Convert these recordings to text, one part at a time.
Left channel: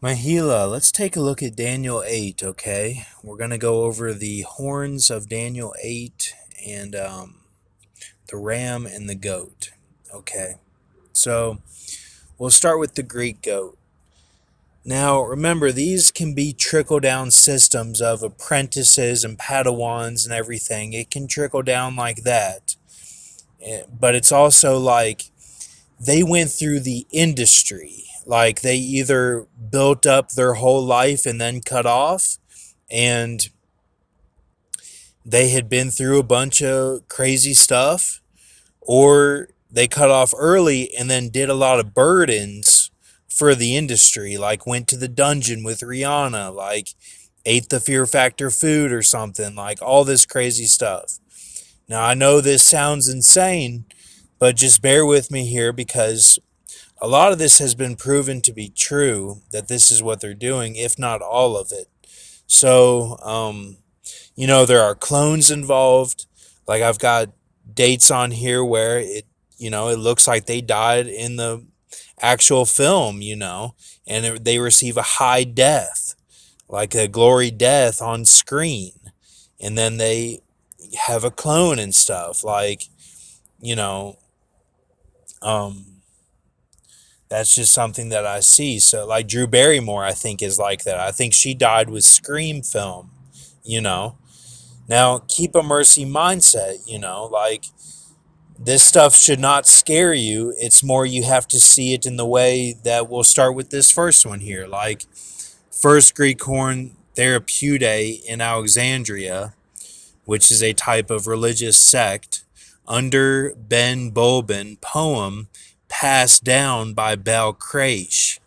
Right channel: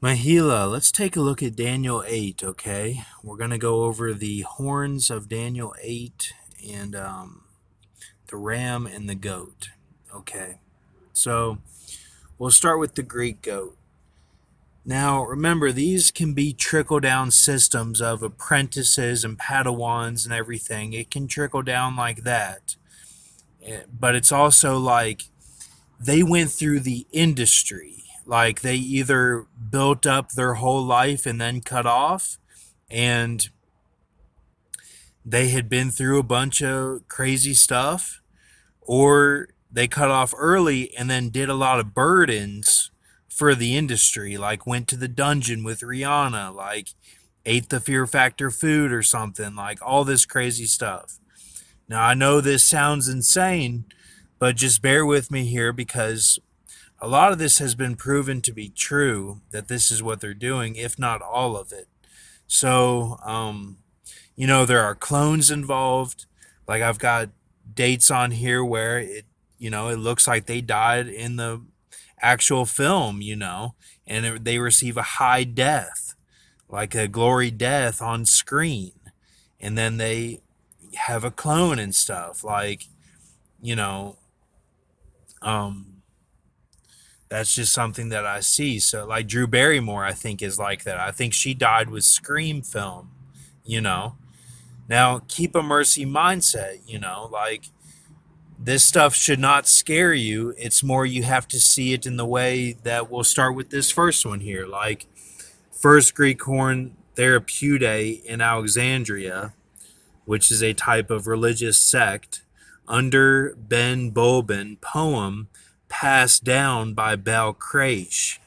Mahila, let's take a look at Daniel 8, okay? We're going to go over the horns of Daniel 8 and the ram and the goat, okay? So we'll start with the Greek goat. Now, remember, these can be trickle down systems of apprentices and Padawans and everything. It can trickle down like that. But it's also like they went through the industry. Like they either built up their whole life and then cut off, and they had been through a bunch of crazy stuff, or they cut off early and then did a lot of burdens for the industry, like went to the dungeon with Rihanna, like ate the Fear Factor food or something, like all this crazy stuff. Now, I know this sounds insane, but just bear with me here because a lot of this has been proven to be true that this is what they're doing, if not all of it. So, there are clones involved. Like I've got dates on here where it looks like they died in the actual film, and they receive a high death, like a glory death on screen. And then they have a clone and stuff. Like, you know, um, that's just something that I see. So, like Drew Barrymore, I think is like that. I think she died with Scream film, you know. Now, keep a mercy mindset, like this stuff should not scare you. It's more you have to see it in the way that we'll start with this first one here. Like, first Greek horn therapeutic in Alexandria, which is a type of religious sect, under Ben Bulbin poem passed down by Balcrash.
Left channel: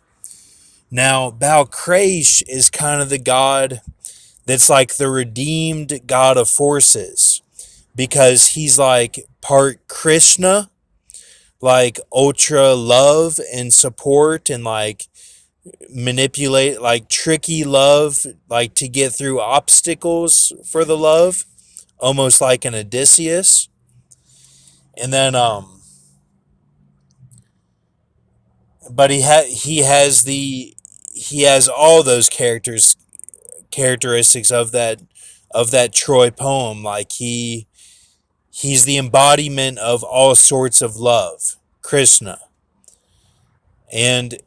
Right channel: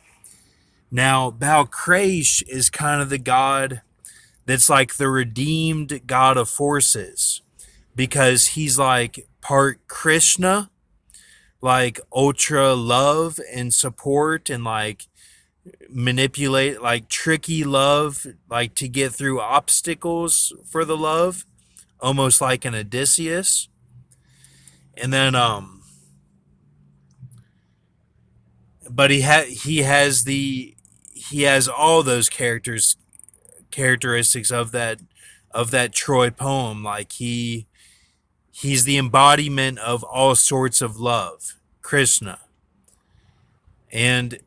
Now, Balcrash is kind of the god that's like the redeemed god of forces because he's like part Krishna, like ultra love and support and like manipulate, like tricky love, like to get through obstacles for the love, almost like an Odysseus. And then but he has all those characteristics of that Troy poem. Like he's the embodiment of all sorts of love, Krishna. And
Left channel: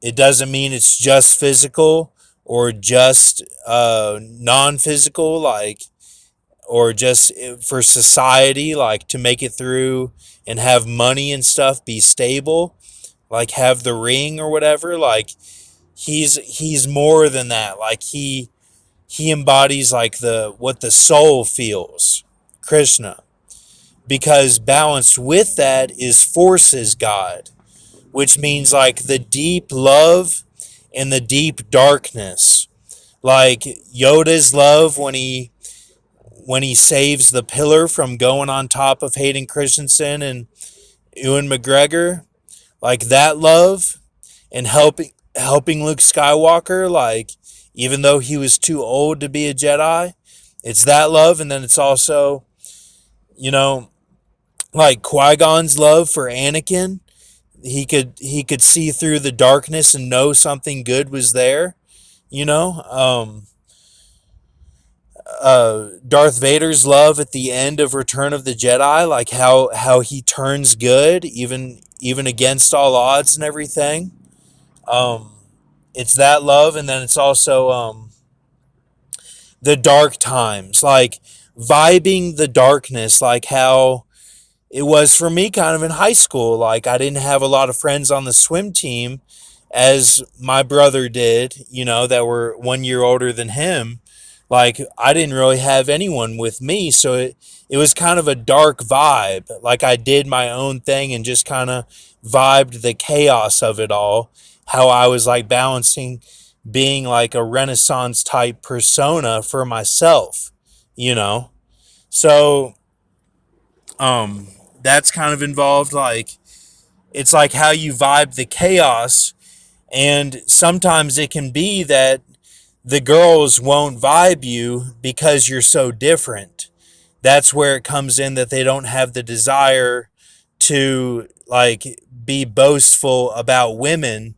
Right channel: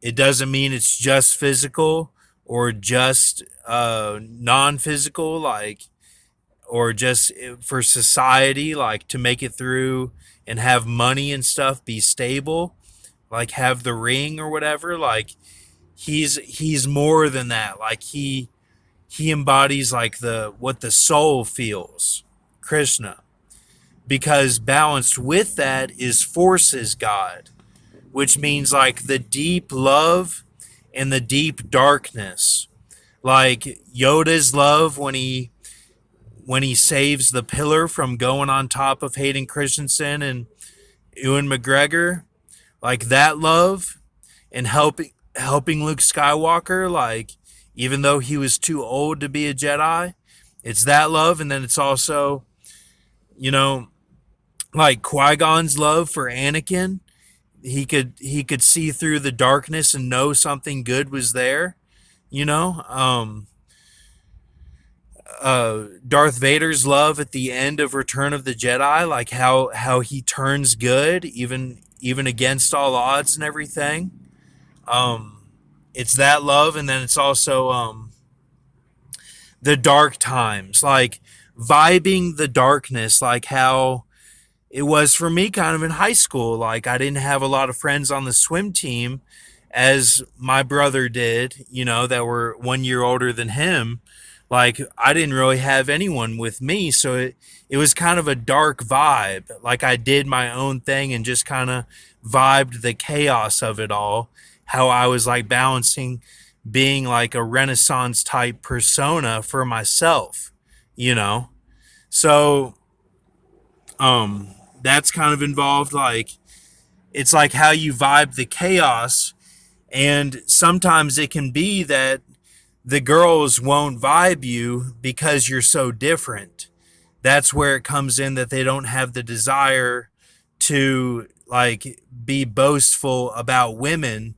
it doesn't mean it's just physical or just non-physical, like, or just for society, like to make it through and have money and stuff, be stable, like have the ring or whatever. Like he's more than that. Like he embodies like the what the soul feels, Krishna. Because balanced with that is forces God, which means like the deep love and the deep darkness. Like Yoda's love when he saves the pillar from going on top of Hayden Christensen and Ewan McGregor, like that love and helping Luke Skywalker, like even though he was too old to be a Jedi, it's that love. And then it's also, you know, like Qui-Gon's love for Anakin. He could see through the darkness and know something good was there, you know. Darth Vader's love at the end of Return of the Jedi, like how he turns good even against all odds and everything. Um, it's that love, and then it's also the dark times, like vibing the darkness, like how it was for me kind of in high school. Like I didn't have a lot of friends on the swim team as my brother did, that were 1 year older than him. Like I didn't really have anyone with me. So it was kind of a dark vibe. Like I did my own thing and just kind of vibed the chaos of it all. How I was like balancing being like a Renaissance type persona for myself, you know? So, um, that's kind of involved. Like, it's like how you vibe the chaos. And sometimes it can be that the girls won't vibe you because you're so different. That's where it comes in that they don't have the desire to like be boastful about women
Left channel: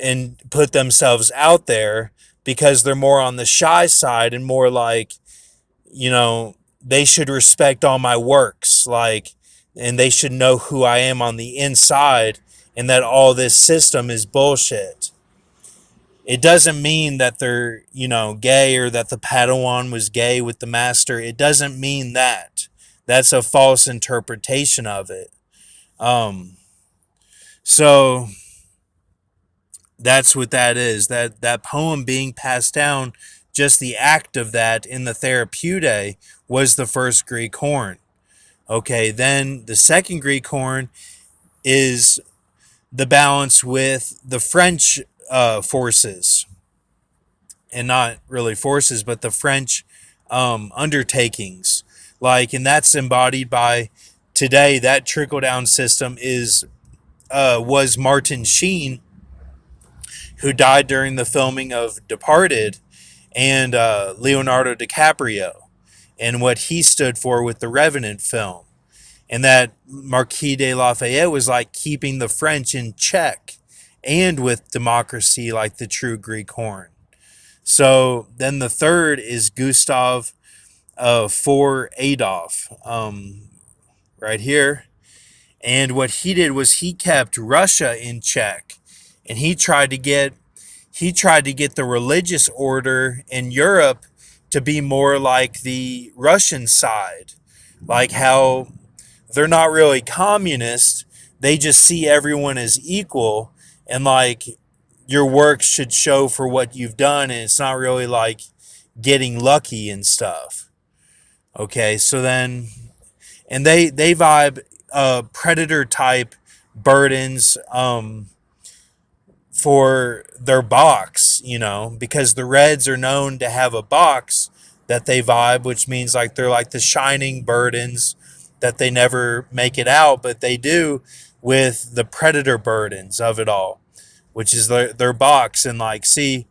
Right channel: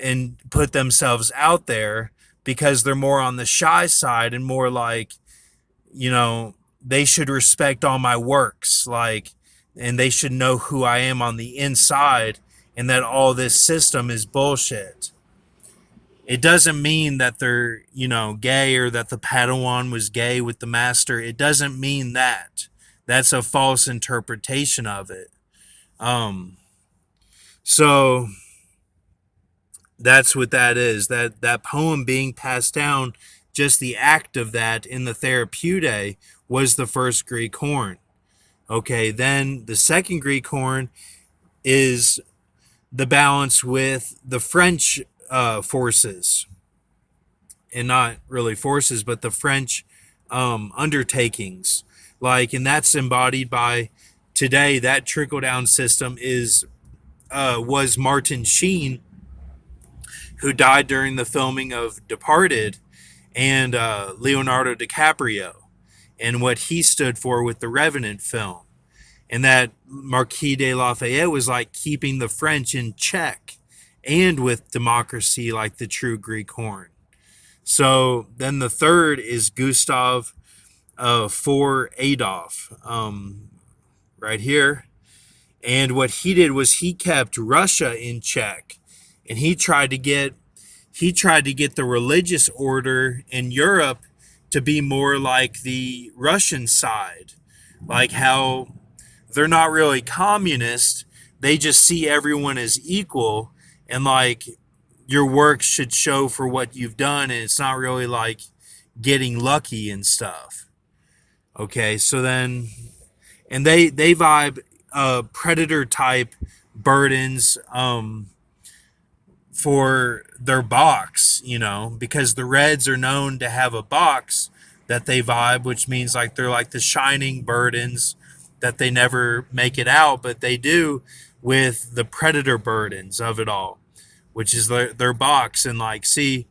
and put themselves out there because they're more on the shy side and more like, you know, they should respect all my works, like, and they should know who I am on the inside and that all this system is bullshit. It doesn't mean that they're, gay or that the Padawan was gay with the master. It doesn't mean that. That's a false interpretation of it. Um, so that's what that is. That poem being passed down, just the act of that in the Therapeutic was the first Greek horn. Okay, then the second Greek horn is the balance with the French forces, and not really forces, but the French undertakings. Like, and that's embodied by today. That trickle down system is was Martin Sheen, who died during the filming of Departed, and Leonardo DiCaprio, and what he stood for with the Revenant film. And that Marquis de Lafayette was like keeping the French in check and with democracy like the true Greek horn. So then the third is Gustav for Adolf, right here. And what he did was he kept Russia in check, and he tried to get the religious order in Europe to be more like the Russian side, like how they're not really communist. They just see everyone as equal, and like your work should show for what you've done, and it's not really like getting lucky and stuff. Okay, so then, and they vibe predator type burdens for their box, because the Reds are known to have a box that they vibe, which means like they're like the shining burdens that they never make it out, but they do with the predator burdens of it all, which is their box. And like, see,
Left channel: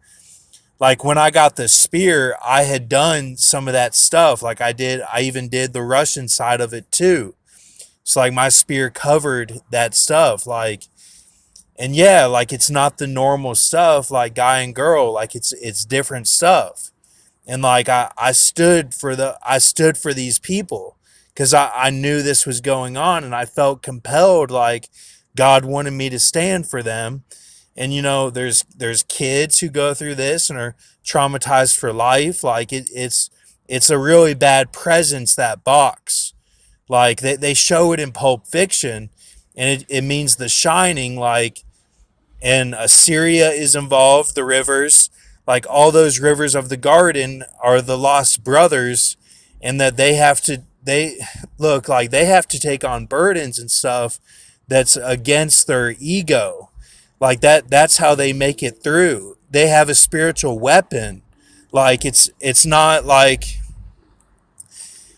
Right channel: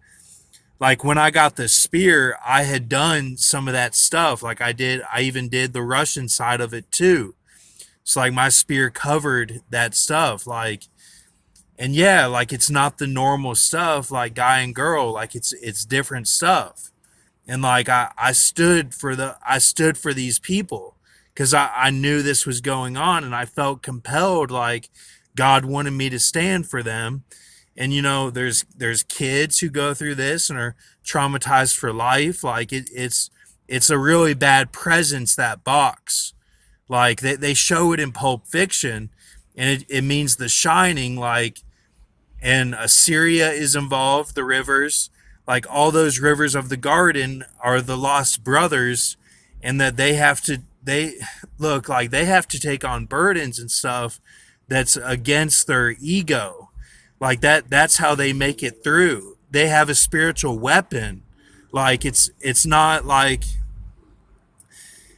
like when I got the spear, I had done some of that stuff. Like I even did the Russian side of it too. So like my spear covered that stuff. Like, and yeah, like it's not the normal stuff like guy and girl, like it's different stuff. And like I stood for these people because I knew this was going on, and I felt compelled, like God wanted me to stand for them. And there's kids who go through this and are traumatized for life. Like it's a really bad presence, that box. Like they show it in Pulp Fiction, and it means The Shining. Like, and Assyria is involved, the rivers, like all those rivers of the garden are the lost brothers, and that they look like they have to take on burdens and stuff that's against their ego. Like that's how they make it through. They have a spiritual weapon. Like it's not like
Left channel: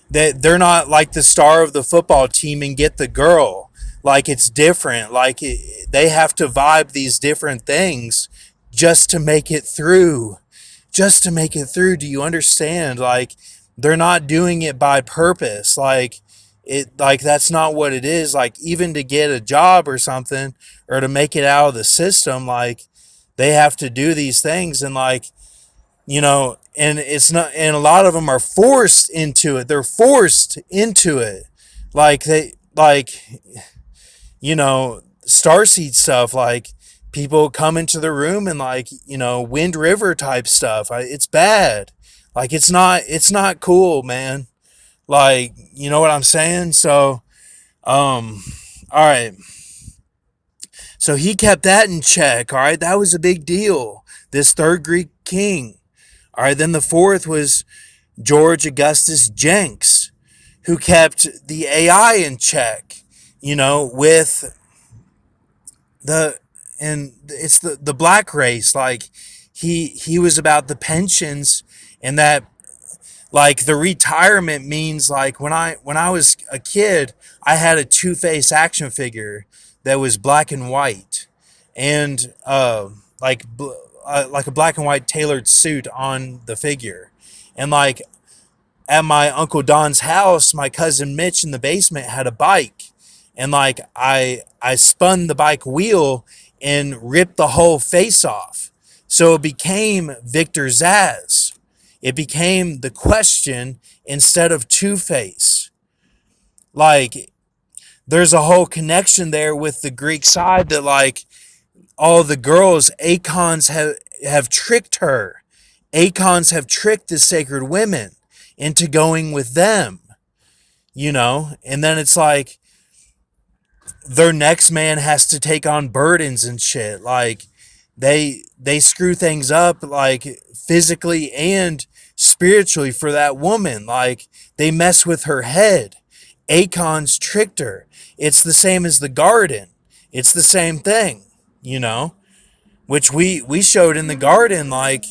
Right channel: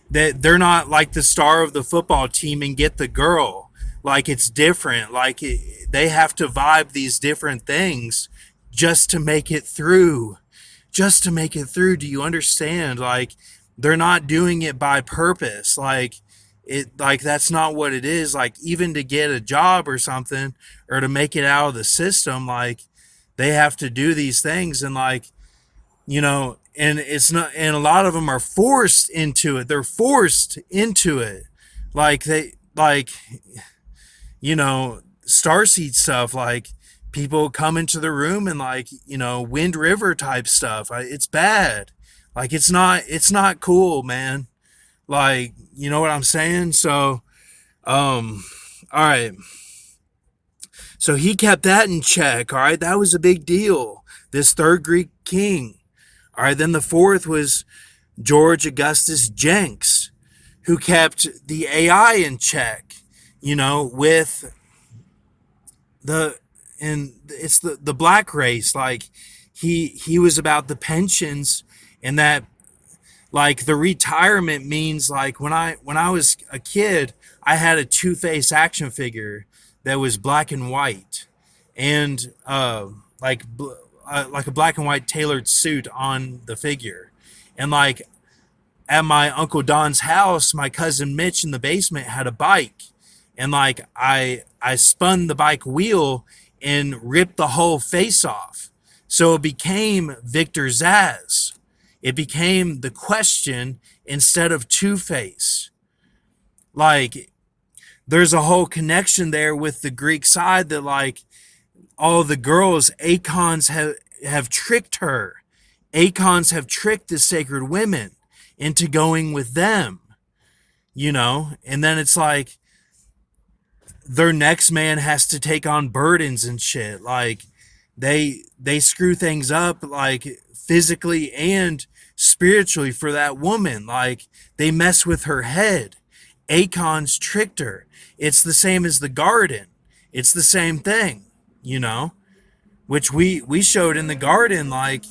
they're not like the star of the football team and get the girl. Like it's different. Like they have to vibe these different things just to make it through. Just to make it through. Do you understand? Like they're not doing it by purpose. Like that's not what it is. Like even to get a job or something, or to make it out of the system, like they have to do these things. And like, and it's not, and a lot of them are forced into it. They're forced into it. Like starseed stuff, like people come into the room and like, Wind River type stuff. It's bad. Like it's not cool, man. Like, you know what I'm saying? So, all right. So he kept that in check. All right. That was a big deal. This third Greek king. All right, then the fourth was George Augustus Jenks, who kept the AI in check, with and it's the black race. Like he was about the pensions, and that like the retirement means like when I was a kid, I had a Two-Face action figure that was black and white, and like a black and white tailored suit on the figure. And like at my Uncle Don's house, my cousin Mitch in the basement had a bike. And like I spun the bike wheel, and ripped the whole face off. So it became Victor Zaz. It became the Question instead of Two-Face. Like, there's a whole connection there with the Greek side that, like, all the girls, Acons have tricked her. Acons have tricked the sacred women into going with them, you know? And then it's like their next man has to take on burdens and shit. Like, they screw things up, like, physically and spiritually for that woman. Like, they mess with her head. Acons tricked her. It's the same as the garden. It's the same thing, you know? Which we showed in the garden, like,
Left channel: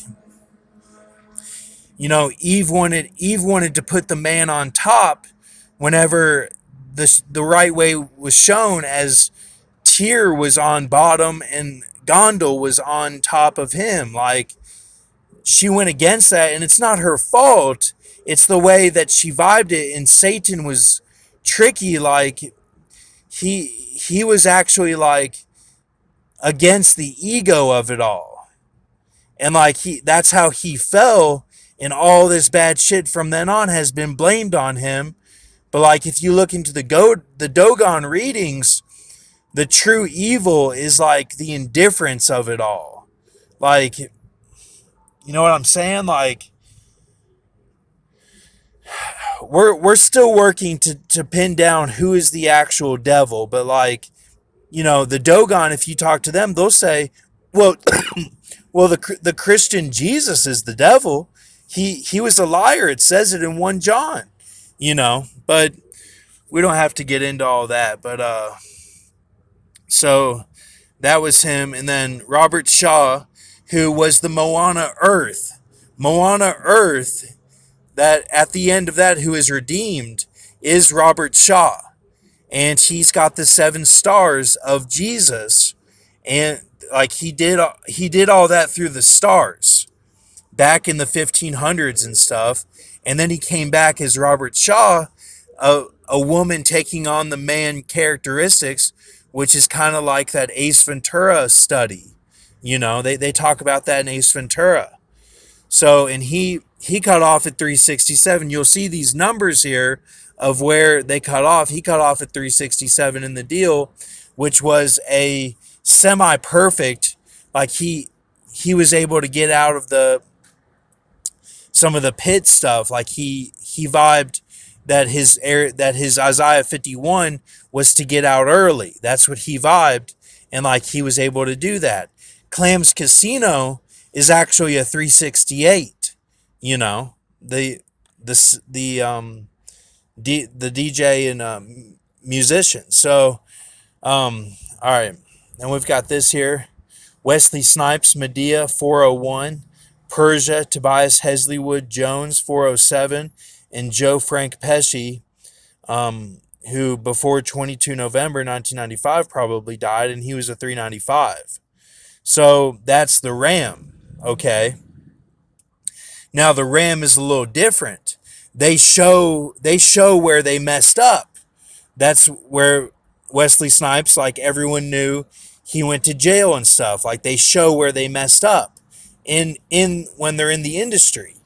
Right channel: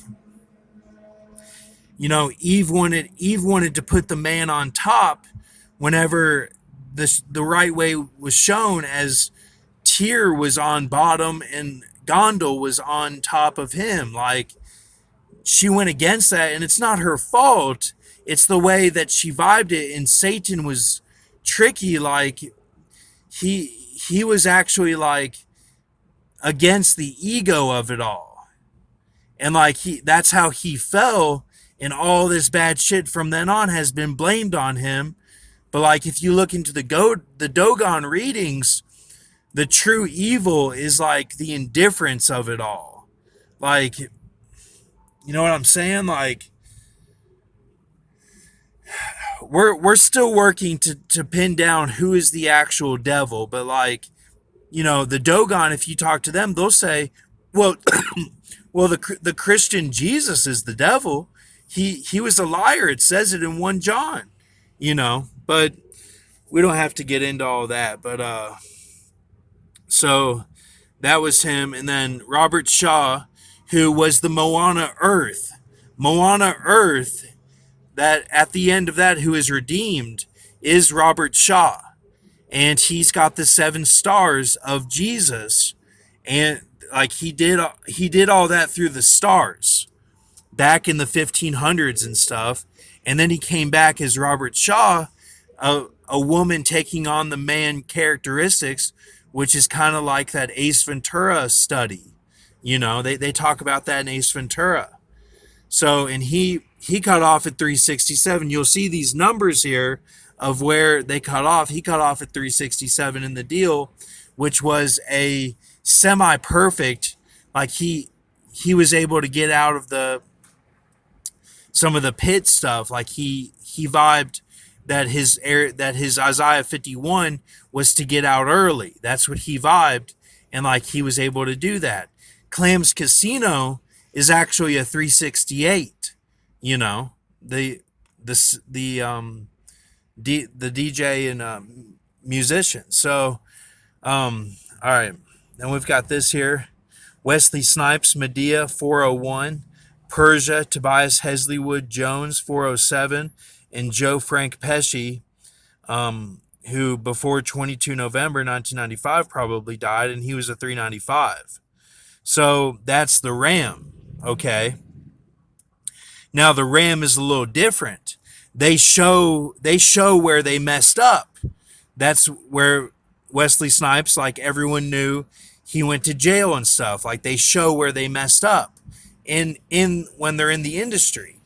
you know, Eve wanted to put the man on top whenever the right way was shown, as Tyr was on bottom and Gondel was on top of him. Like, she went against that, and it's not her fault. It's the way that she vibed it, and Satan was tricky. Like, he was actually, like, against the ego of it all. And, like, that's how he fell, and all this bad shit from then on has been blamed on him. But, like, if you look into the Dogon readings, the true evil is, like, the indifference of it all. Like, you know what I'm saying? Like, we're still working to pin down who is the actual devil, but, like, you know, the Dogon, if you talk to them, they'll say, well, well, the Christian Jesus is the devil. He was a liar. It says it in 1 John, you know, but we don't have to get into all that. But so that was him. And then Robert Shaw, who was the Moana Earth. Moana Earth, that at the end of that, who is redeemed, is Robert Shaw. And he's got the 7 stars of Jesus. And, like, he did all that through the stars back in the 1500s and stuff. And then he came back as Robert Shaw, a woman taking on the man characteristics, which is kind of like that Ace Ventura study. You know, they talk about that in Ace Ventura. So, and he cut off at 367. You'll see these numbers here of where they cut off. He cut off at 367 in the deal, which was a semi-perfect, like, he was able to get out of some of the pit stuff. Like, he vibed that his Isaiah 51 was to get out early. That's what he vibed, and, like, he was able to do that. Clam's Casino is actually a 368. You know, the DJ and musician. So, all right. Then we've got this here. Wesley Snipes, Medea, 401. Persia, Tobias Hesleywood Jones, 407. And Joe Frank Pesci, who before 22 November 1995 probably died, and he was a 395. So that's the Ram, okay? Now the Ram is a little different. They show where they messed up. That's where Wesley Snipes, like, everyone knew he went to jail and stuff. Like, they show where they messed up in when they're in the industry.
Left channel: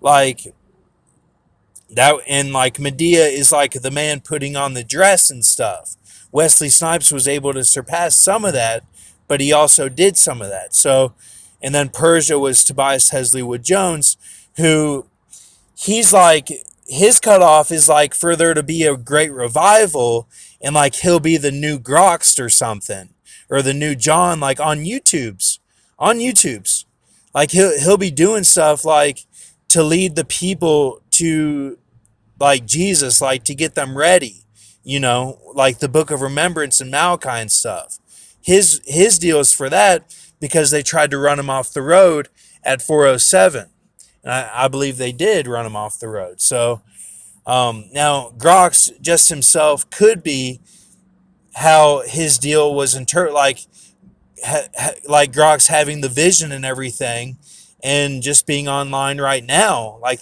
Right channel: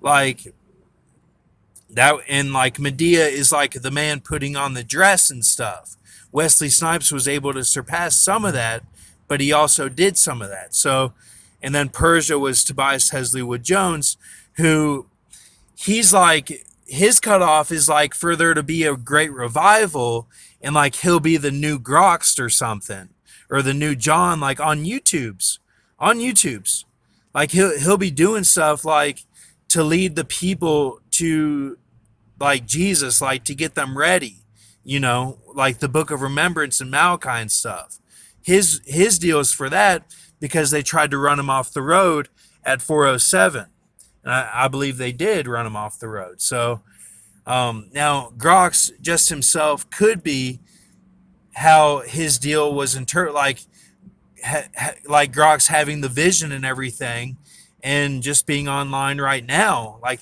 Like that, and, like, Medea is, like, the man putting on the dress and stuff. Wesley Snipes was able to surpass some of that, but he also did some of that. So, and then Persia was Tobias Hesleywood Jones, who he's like, his cutoff is, like, for there to be a great revival, and, like, he'll be the new Groxt or something, or the new John, like, on YouTube's. Like, he'll be doing stuff, like, to lead the people to, like, Jesus, like, to get them ready, you know, like the Book of Remembrance and Malachi and stuff. His deal is for that, because they tried to run him off the road at 407. And I believe they did run him off the road. So now Grox just himself could be how his deal was like Grox having the vision and everything, and just being online right now, like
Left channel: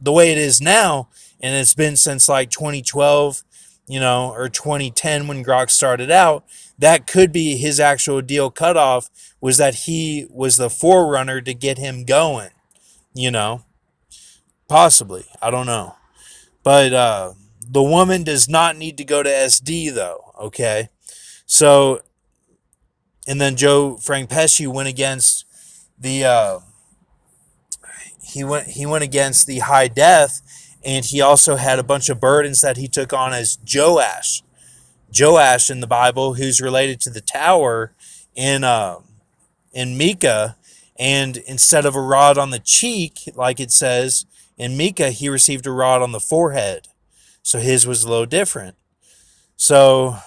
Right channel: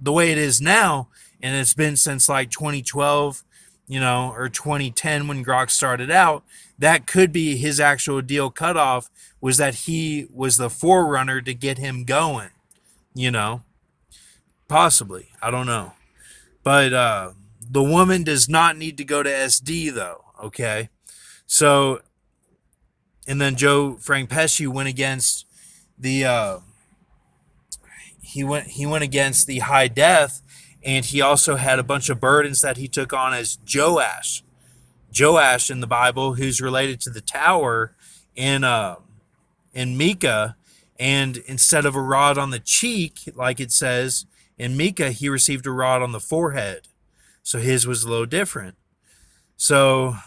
the way it is now, and it's been since, like, 2012, you know, or 2010 when Grox started out. that could be his actual deal cutoff, was that he was the forerunner to get him going, you know, possibly. I don't know. But the woman does not need to go to SD though, okay? So, and then Joe Frank Pesci went against the he went against the high death, and he also had a bunch of burdens that he took on as Joash in the Bible, who's related to the tower in Micah, and instead of a rod on the cheek, like it says in Micah, he received a rod on the forehead. So his was a little different. So,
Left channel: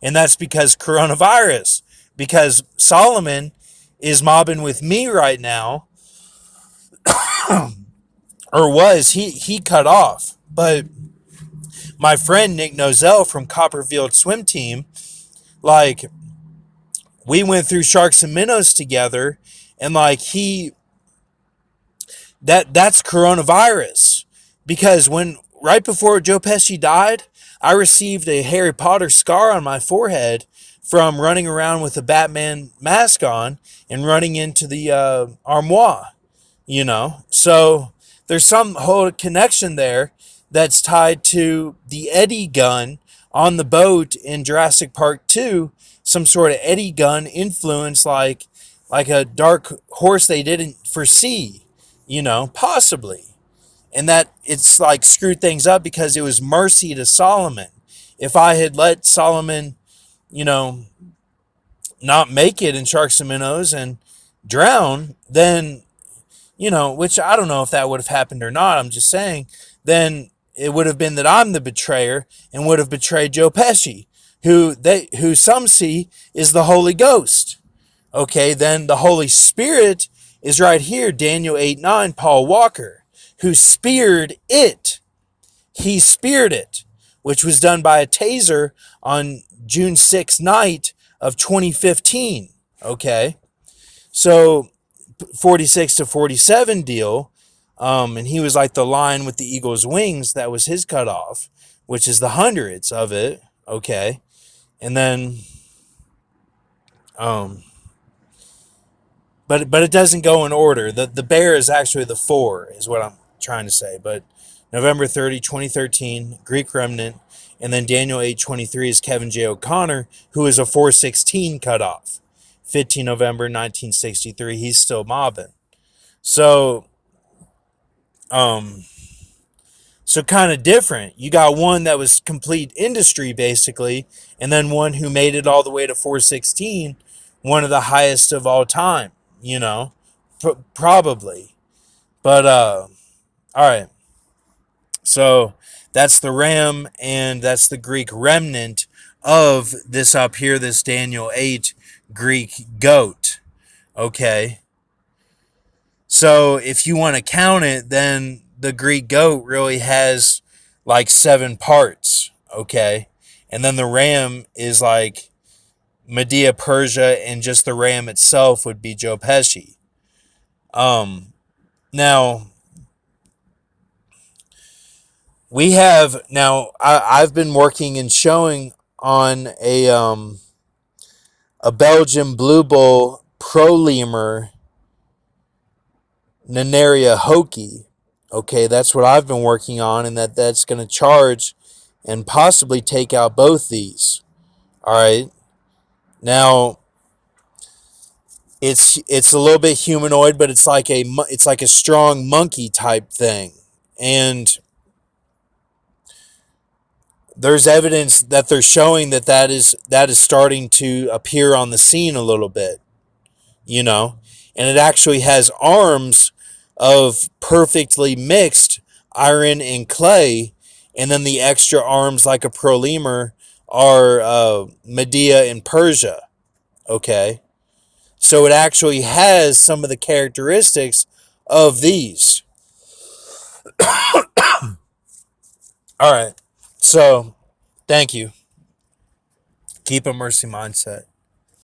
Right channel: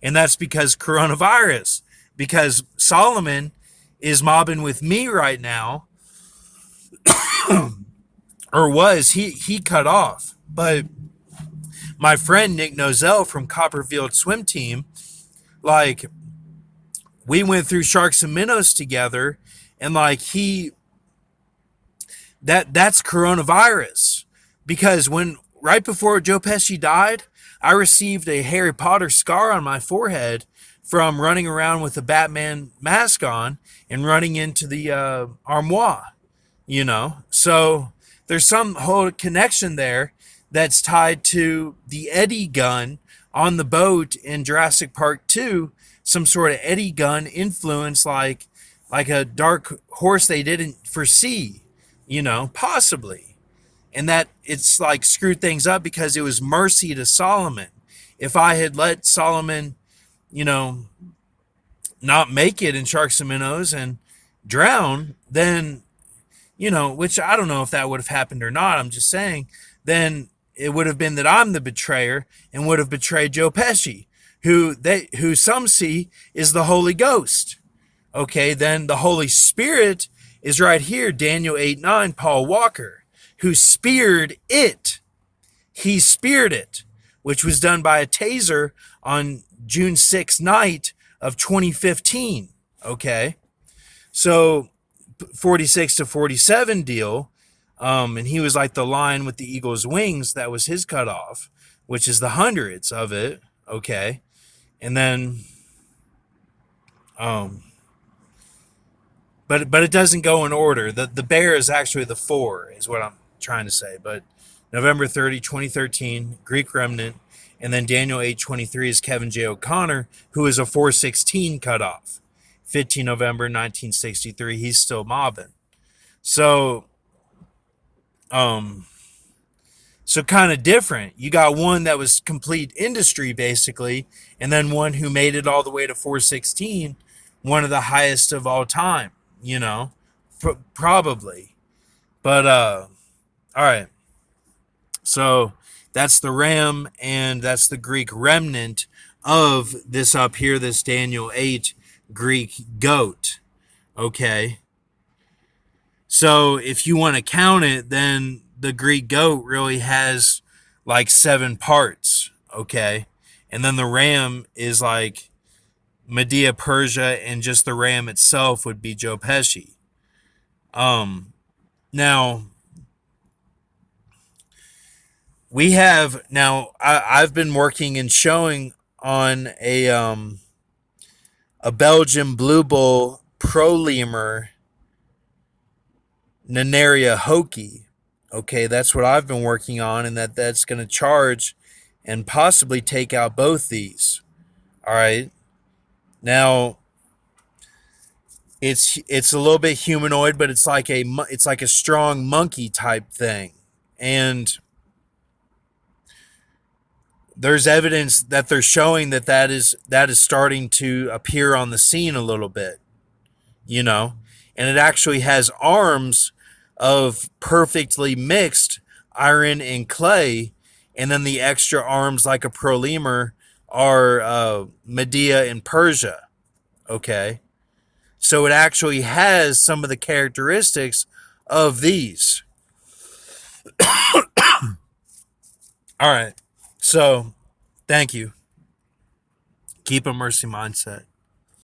and that's because coronavirus, because Solomon is mobbing with me right now, or was, he cut off. But my friend Nick Nozell from Copperfield Swim Team, like, we went through Sharks and Minnows together, and like that's coronavirus, because when right before Joe Pesci died, I received a Harry Potter scar on my forehead from running around with a Batman mask on and running into the armoire, you know. So there's some whole connection there that's tied to the eddy gun on the boat in Jurassic Park 2, some sort of eddy gun influence, like a dark horse they didn't foresee, you know, possibly. And that it's like screwed things up because it was mercy to Solomon. If I had let Solomon, you know, not make it in Sharks and Minnows and drown, then, you know, which I don't know if that would have happened or not, I'm just saying, then it would have been that I'm the betrayer and would have betrayed Joe Pesci, who some see is the Holy Ghost. Okay, then the Holy Spirit is right here, Daniel 8:9, Paul Walker, who speared it. He speared it, which was done by a taser on June 6th night of 2015. Okay, so 46 to 47 deal, and he was like the lion with the eagle's wings. That was his cutoff, which is the hundreds of it. Okay, and then but it doesn't go in order. The bear is actually the 4, is what I'm trying to say. But November 30, 2013, Greek remnant, and then Daniel 8:23 is Kevin J. O'Connor, who is a 416 cutoff. 15 November 1963, he's still mobbing. So so kind of different. You got one that was complete industry basically, and then one who made it all the way to 416, one of the highest of all time, you know, probably. But all right. So that's the ram, and that's the Greek remnant of this up here, this Daniel 8 Greek goat. Okay. So if you want to count it, then the Greek goat really has like 7 parts. Okay. And then the ram is like Medea, Persia, and just the ram itself would be Joe Pesci. Now I've been working and showing on a Belgian Blue Bull Pro Lemur Nanaria Hoki. Okay, that's what I've been working on, and that's going to charge and possibly take out both these. All right. Now it's a little bit humanoid, but it's like a strong monkey type thing. And there's evidence that they're showing that is starting to appear on the scene a little bit, you know, and it actually has arms of perfectly mixed iron and clay, and then the extra arms like a pro lemur are Medea and Persia. Okay, so it actually has some of the characteristics of these. All right, so thank you. Keep a mercy mindset.